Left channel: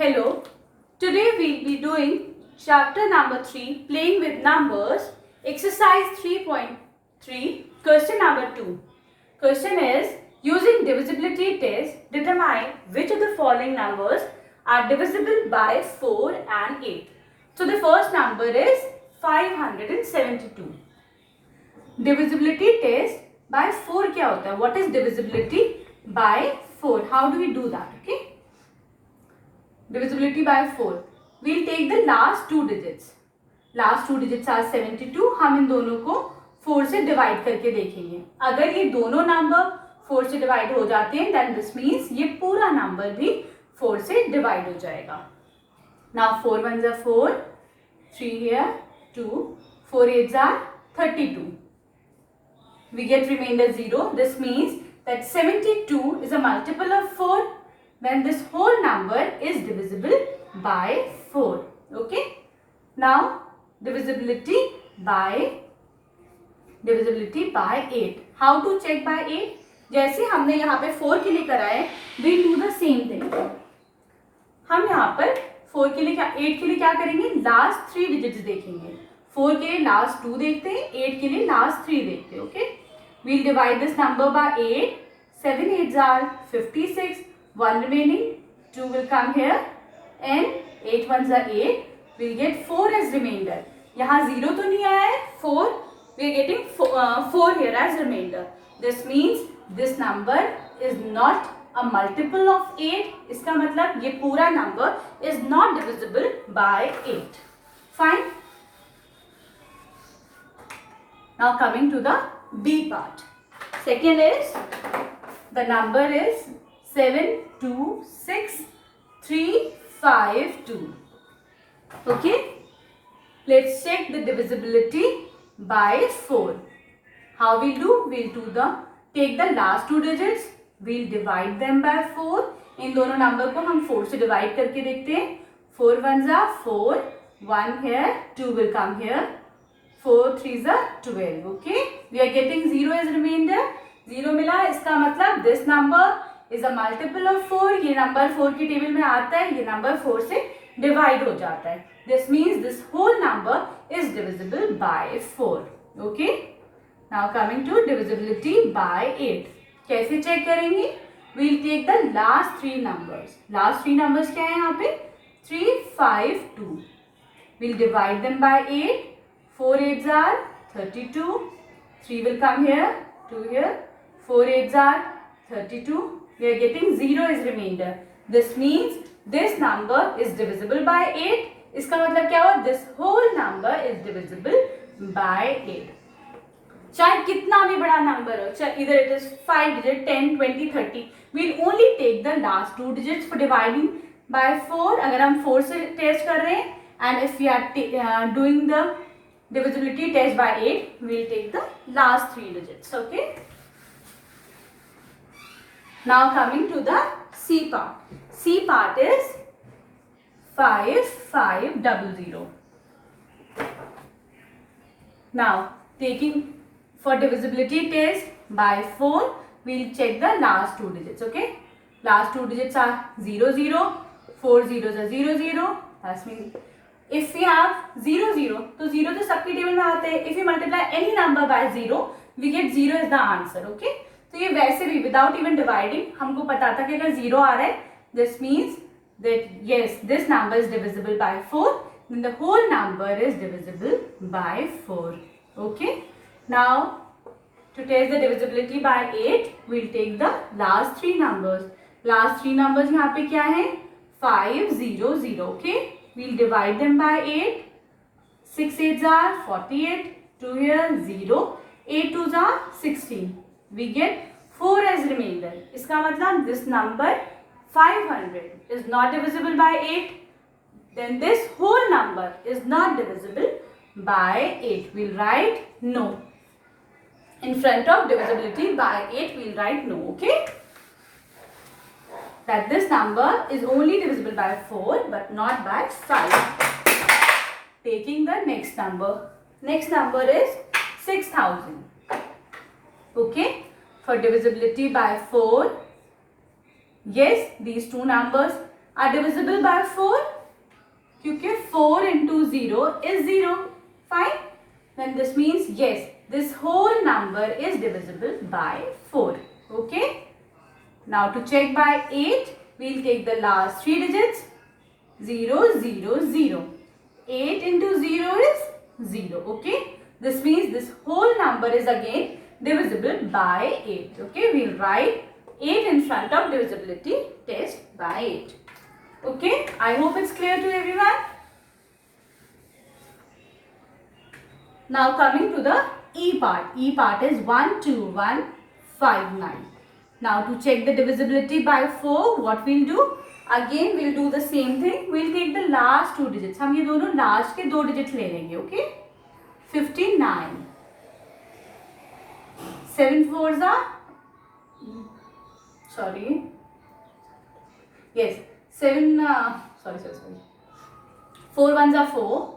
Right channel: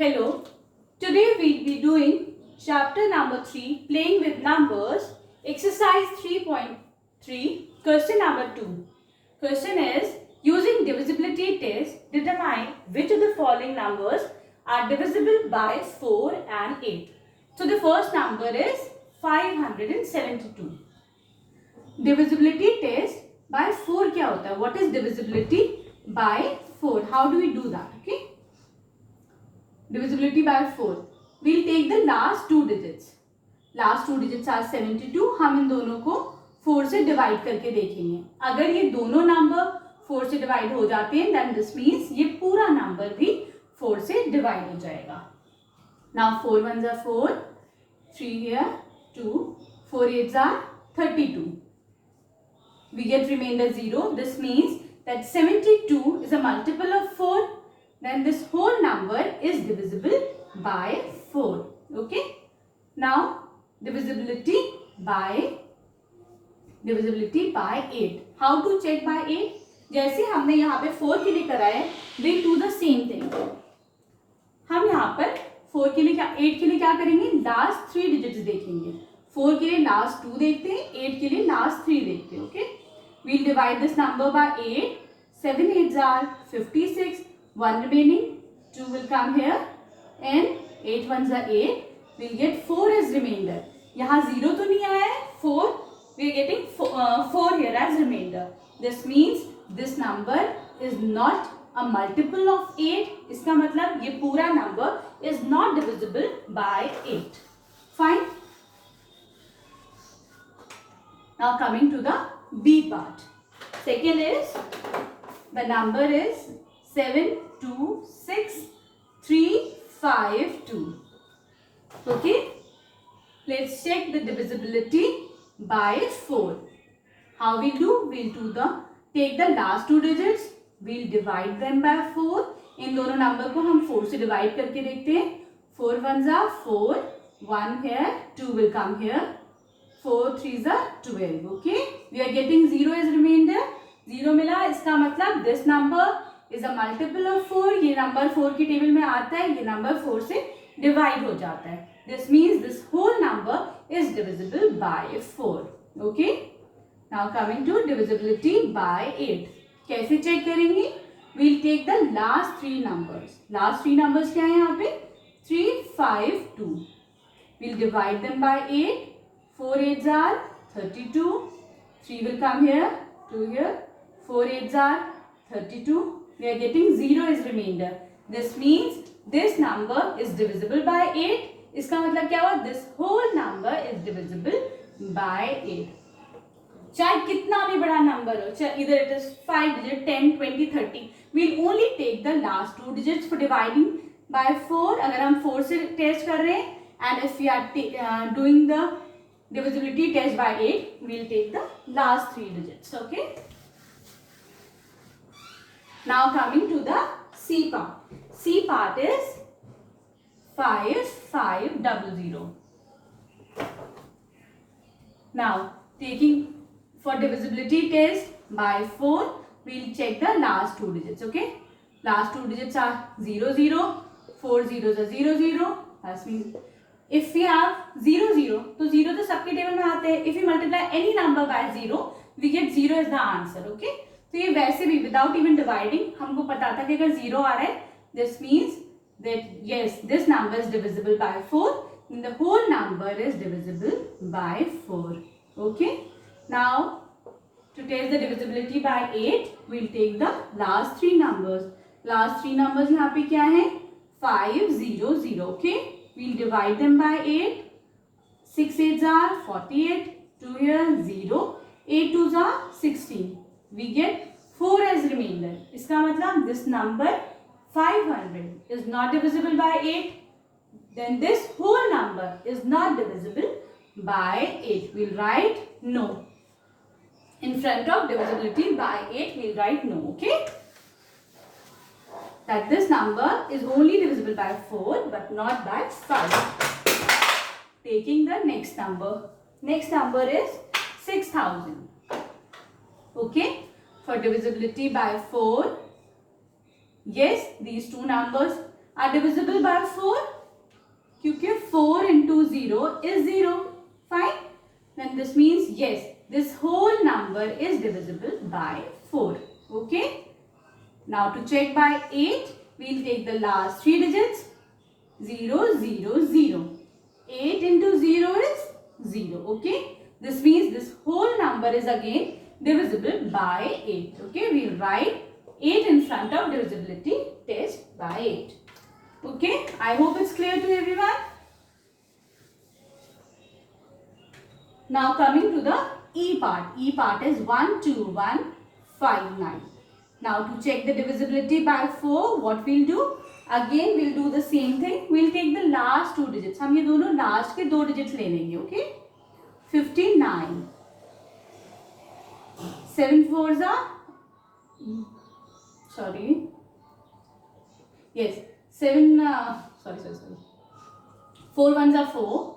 Hello, today we'll be doing chapter number 3, playing with numbers, exercise 3.3, question number 2. Question is, using divisibility test, determine which of the following numbers are divisible by 4 and 8. So the first number is 572. Divisibility test by 4 क्या होता है? What is divisibility by 4? How do we do that? Okay. Divisibility by 4. We'll take the last two digits. Last two digits are 72. हम इन दोनों को 4 से divide करके देखेंगे. अगर ये दोनों नंबर 4 से डिवाइड हो जाते हैं, then this means ये पूरा नंबर भी 4 से डिवाइड हो जाएगा. Now 4 ones are 4, 3 here, 2, 4 eights are 32. We get remainder 0. This means that 72 is a multiple of 4. When this whole number is divisible by 4. Okay. Now divisibility by 8. How to check by 8? जैसे हमने यहाँ पे 4 के लिए करा है, we do the same thing. हम यहाँ पर 4 के लिए 8 के लिए क्या करेंगे? लास्ट 3 डिजिट्स देखेंगे. 4 के लिए लास्ट 2 देखते हैं, 8 के लिए लास्ट 3 देखते हैं. Okay. We'll divide this number by 8. 7 8s are 56. 1 remaining, 2 will come here, and 8 ones are 8. We'll get 4 as remainder. यहाँ 0 तो नहीं आया है, 4. We are getting 4 here as remainder. This means this number is not a multiple of 8. इसका मतलब ये पूरा number is not divisible by 8. Fine. Now coming to the B part. Second is the number is 726,352. Okay. Let's check the divisibility by 4. How we'll do? We'll take the last two digits. We'll divide them by 4. इन दोनों number को हम 4 से divide करके देखते हैं. 4 ones are 4. 1 here. 2 will come here. 4 3s are 12. Okay. We are getting 0 as remainder. 0 मिला. इसका मतलब this number is a multiple of 4. ये नंबर 4 की टेबल में आता है, ये नंबर 4 से डिवाइड हो जाता है. This means this whole number is divisible by 4. Okay. Now coming to divisibility by 8. कैसे चेक करेंगे? We'll take the last 3 numbers. Last 3 numbers क्या है यहाँ पे? 3 5 2. We'll divide them by 8. 4 8s are 32. 3 will come here, 2 here. 4 8s are 32. We are getting 0 as remainder. This means this number is divisible by 8. इसका मतलब क्या हुआ? This whole number is divisible by 8. चाहे कितना भी बड़ा नंबर हो, चाहे either it is 5 digit, 10, 20, 30, we'll only take the last 2 digits for dividing by 4. अगर हम 4 से टेस्ट कर रहे हैं, and if we are doing the divisibility test by 8, we'll take the last 3 digits. Okay. Now coming to the C part. C part is 5500. Now taking for divisibility test by 4, we'll check the last 2 digits. Okay. Last 2 digits are 0 0. 4 zeros are 0 0. That means if we have 0 0, तो 0 तो सबकी table में आते हैं. If we multiply any number by 0, we get 0 as the answer. Okay. तो ये वैसे भी विदाउट इवन डिवाइडिंग हमको पता था कि अगर 0 आ रहा है, this means that yes this number is divisible by 4, then the whole number is divisible by 4. Okay. Now to test the divisibility by 8, we will take the last 3 numbers. Last 3 numbers यहाँ पे क्या है? 5 0 0. Okay. We will divide them by 8. 6 8s are 48. 2 here 0. 8 2s are 16. We get 4 as remainder. इसका मतलब this number 500 is not divisible by 8. Then this whole number is not divisible by 8. We'll write no. In front of divisibility by 8, we'll write no. Okay. That this number is only divisible by 4 but not by 5. Taking the next number. Next number is 6000. Okay. For divisibility by 4, yes, these two numbers are divisible by 4? क्योंकि 4 into 0 is 0. Fine. Then this means yes, this whole number is divisible by 4. Okay. Now to check by 8, we'll take the last 3 digits. 0, 0, 0. 8 into 0 is 0. Okay. This means this whole number is again divisible by 8. Okay. We'll write 8 in front of divisibility test by 8. Okay. I hope it's clear to everyone. Now coming to the E part. E part is 12159. Now to check the divisibility by 4, what we'll do? Again we'll do the same thing. We'll take the last 2 digits. हम ये दोनों last के 2 digits ले लेंगे. Okay? 59. 7 fours are, sorry. Yes. 7. Sorry. 4 ones are 4.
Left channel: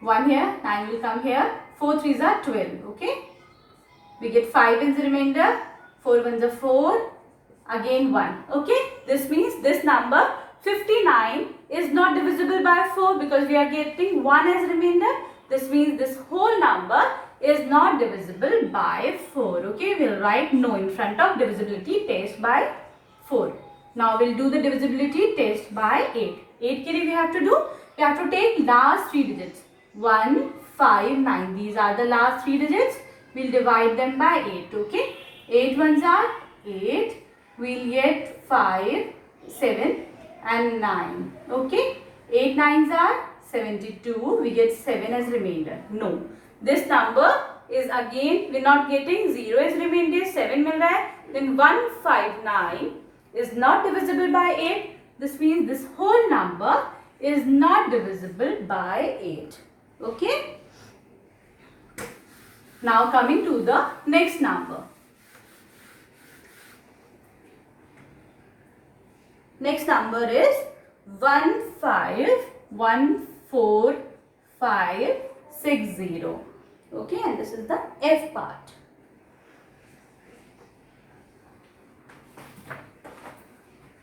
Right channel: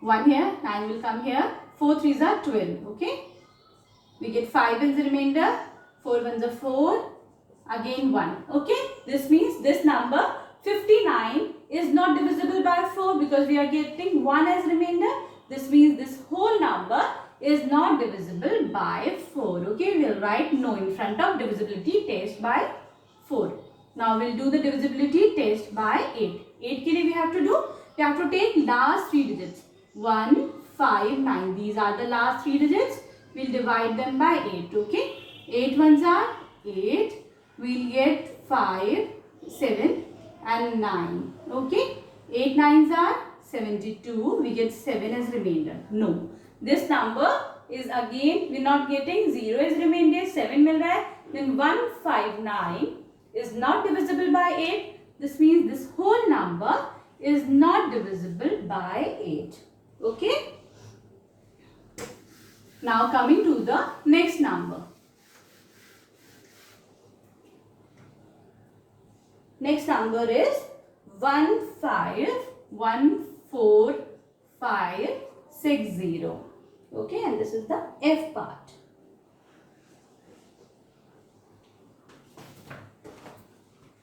1 here, 9 will come here. 4 threes are 12. Okay? We get 5 as the remainder. 4 ones are 4. Again 1. Okay? This means this number 59 is not divisible by 4 because we are getting 1 as remainder. This means this whole number is not divisible by 4. Okay? We'll write no in front of divisibility test by 4. Now we'll do the divisibility test by 8. 8 ke liye we have to do? We have to take last 3 digits. 1, 5, 9. These are the last 3 digits. We'll divide them by 8. Okay? 8 ones are 8. We'll get 5, 7 and 9. Okay? 8 nines are 72. We get 7 as remainder. No. This number is again, we're not getting 0 as remainder. 7 mil raha hai. Then 159 is not divisible by 8. This means this whole number is not divisible by 8. Okay? Now coming to the next number. Next number is 151450. Okay, and this is the F part.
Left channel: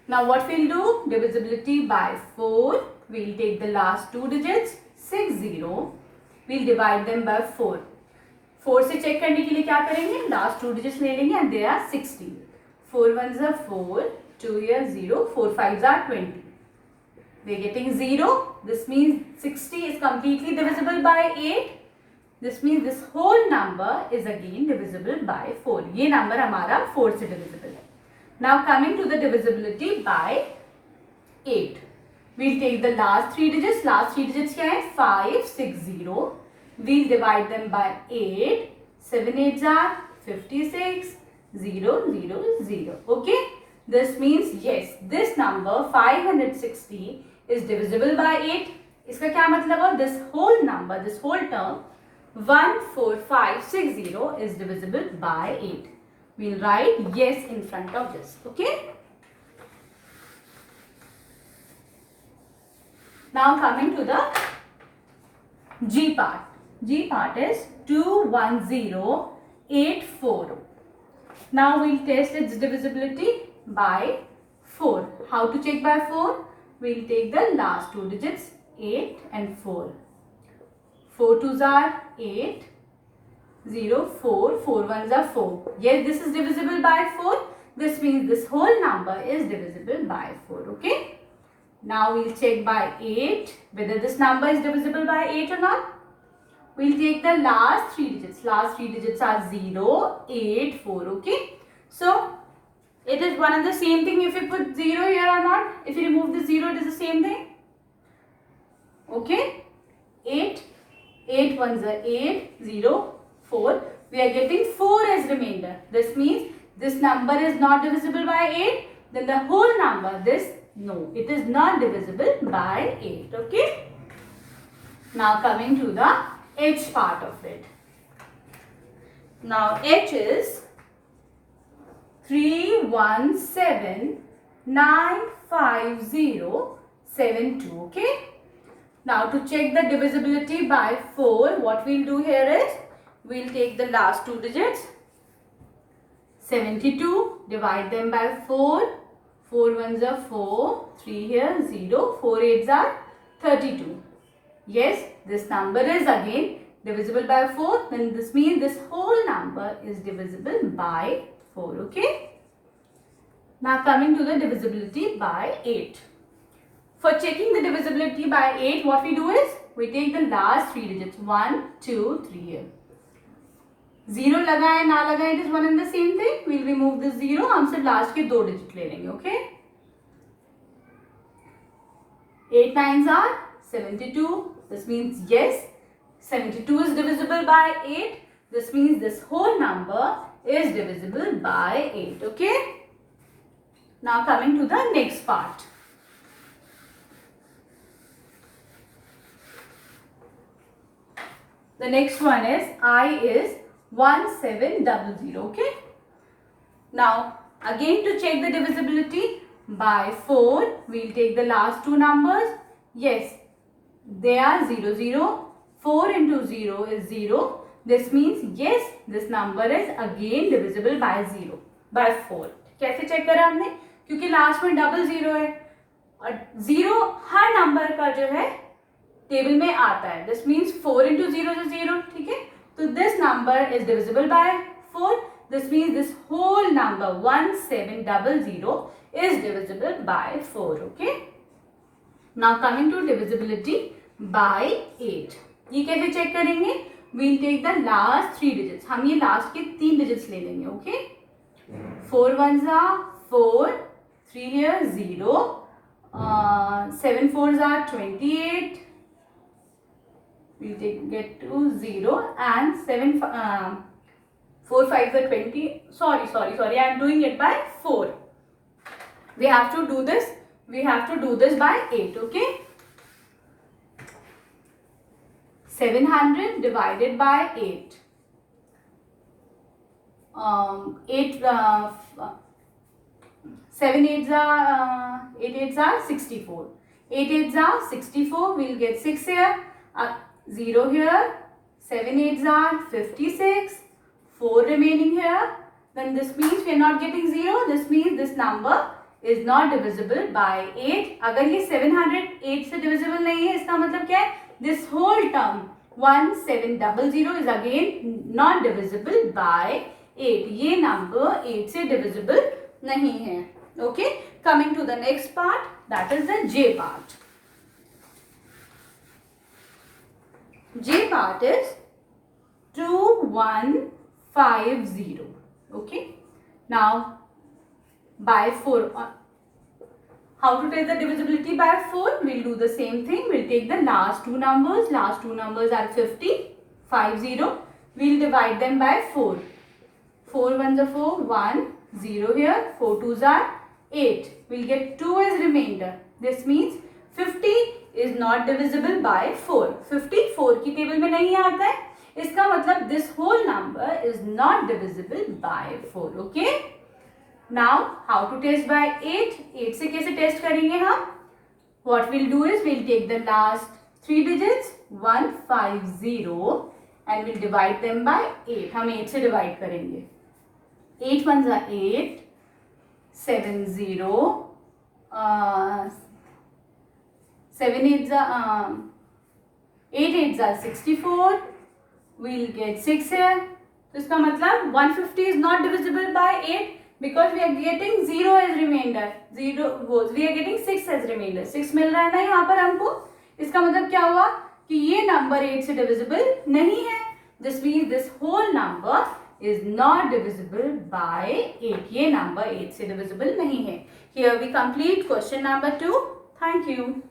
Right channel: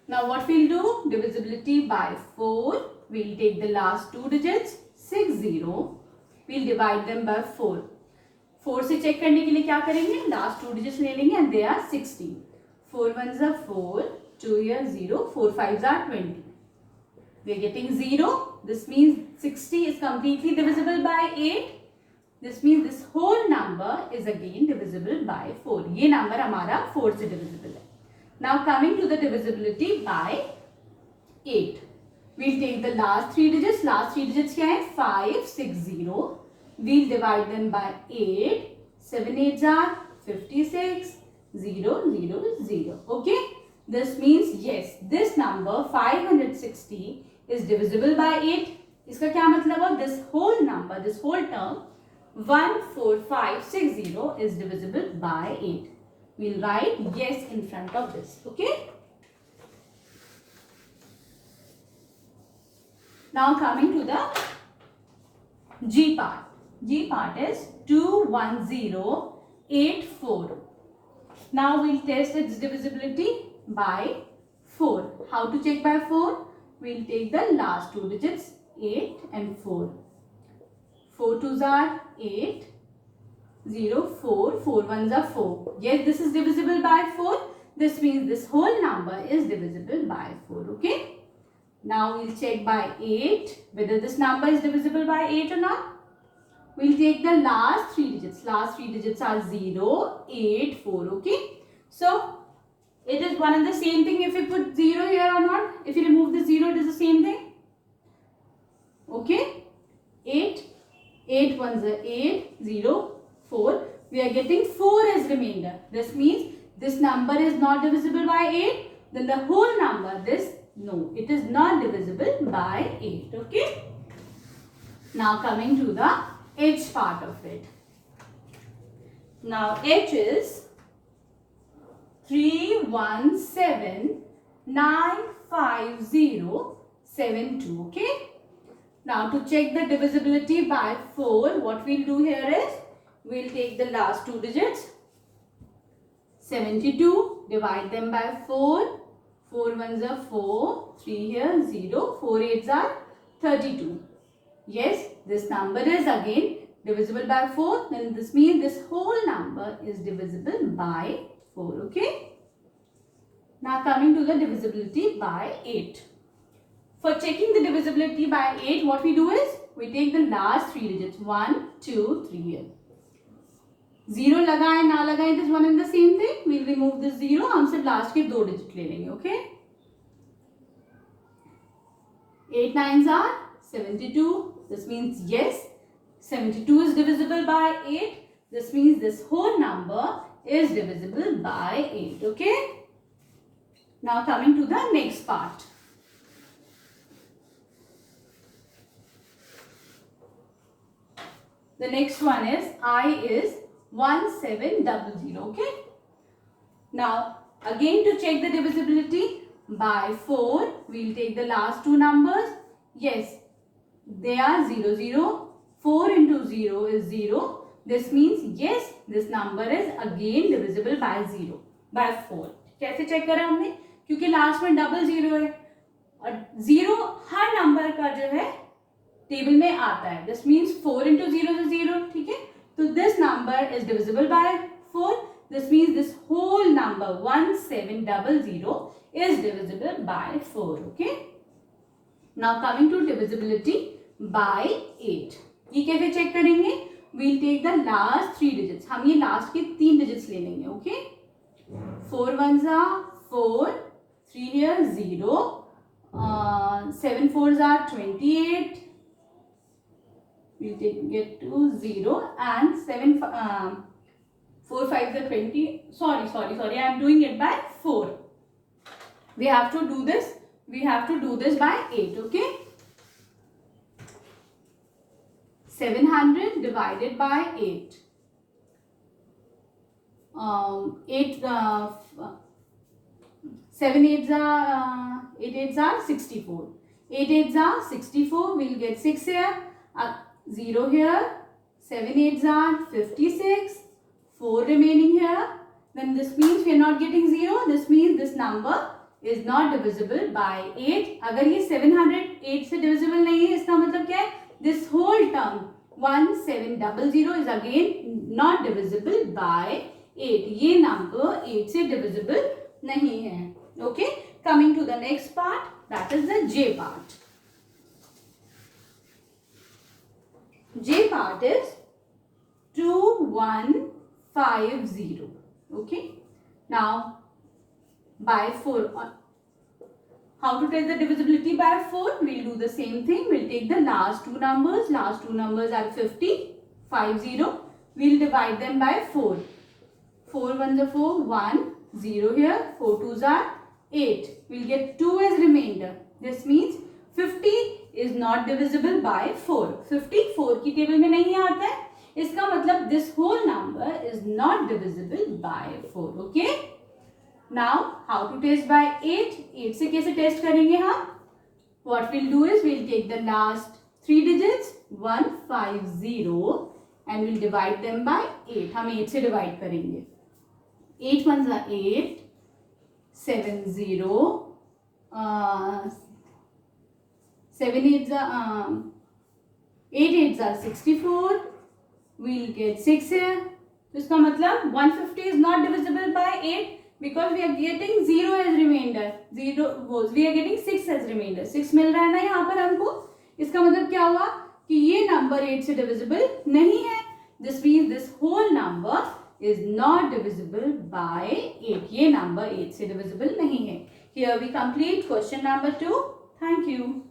Now what we'll do? Divisibility by 4. We'll take the last 2 digits. 60. We'll divide them by 4. 4 से check करने के लिए क्या करेंगे? Last 2 digits ले लेंगे and they are 60. 4 ones are 4. 2 here 0. 4 fives are 20. We are getting 0. This means 60 is completely divisible by 8. This means this whole number is again divisible by 4. ये number हमारा 4 से divisible है. Now coming to the divisibility by 8. We'll take the last 3 digits. Last 3 digits क्या है? 5, 6, 0. We'll divide them by 8. 7 8s are 56. 0, 0, 0. Okay? This means yes, this number 560 is divisible by 8. इसका क्या मतलब है? This whole number, this whole term 14560 is divisible by 8. We'll write yes in front of this. Okay? Now coming to the G part. G part is 21084. Now we'll test its divisibility by 4. How to check by 4? We'll take the last 2 digits 8 and 4. 4 twos are 8. 0, 4. 4 ones are 4. Yes, this is divisible by 4. This means this whole number is divisible by 4. Okay? Now we'll check by 8 whether this number is divisible by 8 or not. We'll take the last 3 digits. Last 3 digits are 0, 8, 4. Okay? So, it is one and the same thing if you put 0 here or not. If you remove the 0, it is the same thing. Okay? 8. 8 ones are 8, 0, 4. We are getting 4 as remainder. This means this number is not divisible by 8. Then the whole number, no, it is not divisible by 8. Okay? Now coming to the H part of it. Now H is 317,950,72. Okay? Now to check the divisibility by 4, what we'll do here is, we'll take the last 2 digits. 72, divide them by 4. 4 ones are 4, 3 here, 0, 4 eights are 32. Yes, this number is again divisible by 4, then this means this whole number is divisible by 4, okay? Now coming to the divisibility by 8. For checking the divisibility by 8, what we do is, we take the last 3 digits, 1, 2, 3 here. 0 लगाए ना लगाए, it is one and the same thing. We'll remove this 0. हम सिर्फ last के 2 digit ले लेंगे, okay? 8 nines are 72. This means yes, 72 is divisible by 8. This means this whole number is divisible by 8, okay? Now coming to the next part. The next one is I is 1700, okay? Now again to check the divisibility by 4, we'll take the last two numbers. Yes, they are 0, 0. 4 into 0 is 0. This means yes, this number is again divisible by 0, by 4. कैसे check करा हमने? क्योंकि last में double 0 है और 0 हर number का जो है टेबल में आता है. दिस मीन्स 4 into 0 is 0, ठीक है? तो this number is divisible by 4. This means this whole number 1700 is divisible by 4, okay? Now coming to divisibility by 8. ये कैसे चेक करेंगे? We'll take the last 3 digits. हम ये लास्ट के 3 digits ले लेंगे, okay? 4 ones are 4, 3 here 0, 7 fours are 28. We'll get to 0 and 4 5s are 20. Sorry. I am doing it by 4. We have to do this. We have to do this by 8. Okay. 700 divided by 8. 7 eights are 8 eights are 64. 8 eights are 64. We'll get 6 here. 0 here. 7 eights are 56. 4 remaining here. Then this means we are not getting 0. This means this number is not divisible by 8. अगर ये 708 से divisible नहीं है, इसका मतलब क्या है? This whole term 1700 is again not divisible by 8. ये number 8 से divisible नहीं है. Okay. Coming to the next part, that is the J part. J part is 2150. Okay. Now by 4. How to take the divisibility by 4? We'll do the same thing. We'll take the last two numbers. Last two numbers are 50. We'll divide them by 4. 4 ones are 4. 1. 0 here. 4 twos are 8. We'll get 2 as remainder. This means 50 is not divisible by 4. 54 की table में नहीं आता है. इसका मतलब this whole number is not divisible by 4. Okay? Now, how to test by 8? 8 से कैसे test करेंगे हम? What we'll do is we'll take the last 3 digits 150 and we'll divide them by 8. हम 8 से divide करेंगे. 8 ones are 8, 7 0, 7 eights are 8 eights are 64. We'll get 6 here. तो इसका मतलब 150 is not divisible by 8. Because we are getting 0 as remainder, we are getting 6 as remainder. 6 मिल रहा है ना यहाँ पर हमको. इसका मतलब क्या हुआ कि ये नंबर 8 से divisible नहीं है. This means this whole number is not divisible by 8. ये number 8 से divisible नहीं है. Here we complete question number 2. Thank you.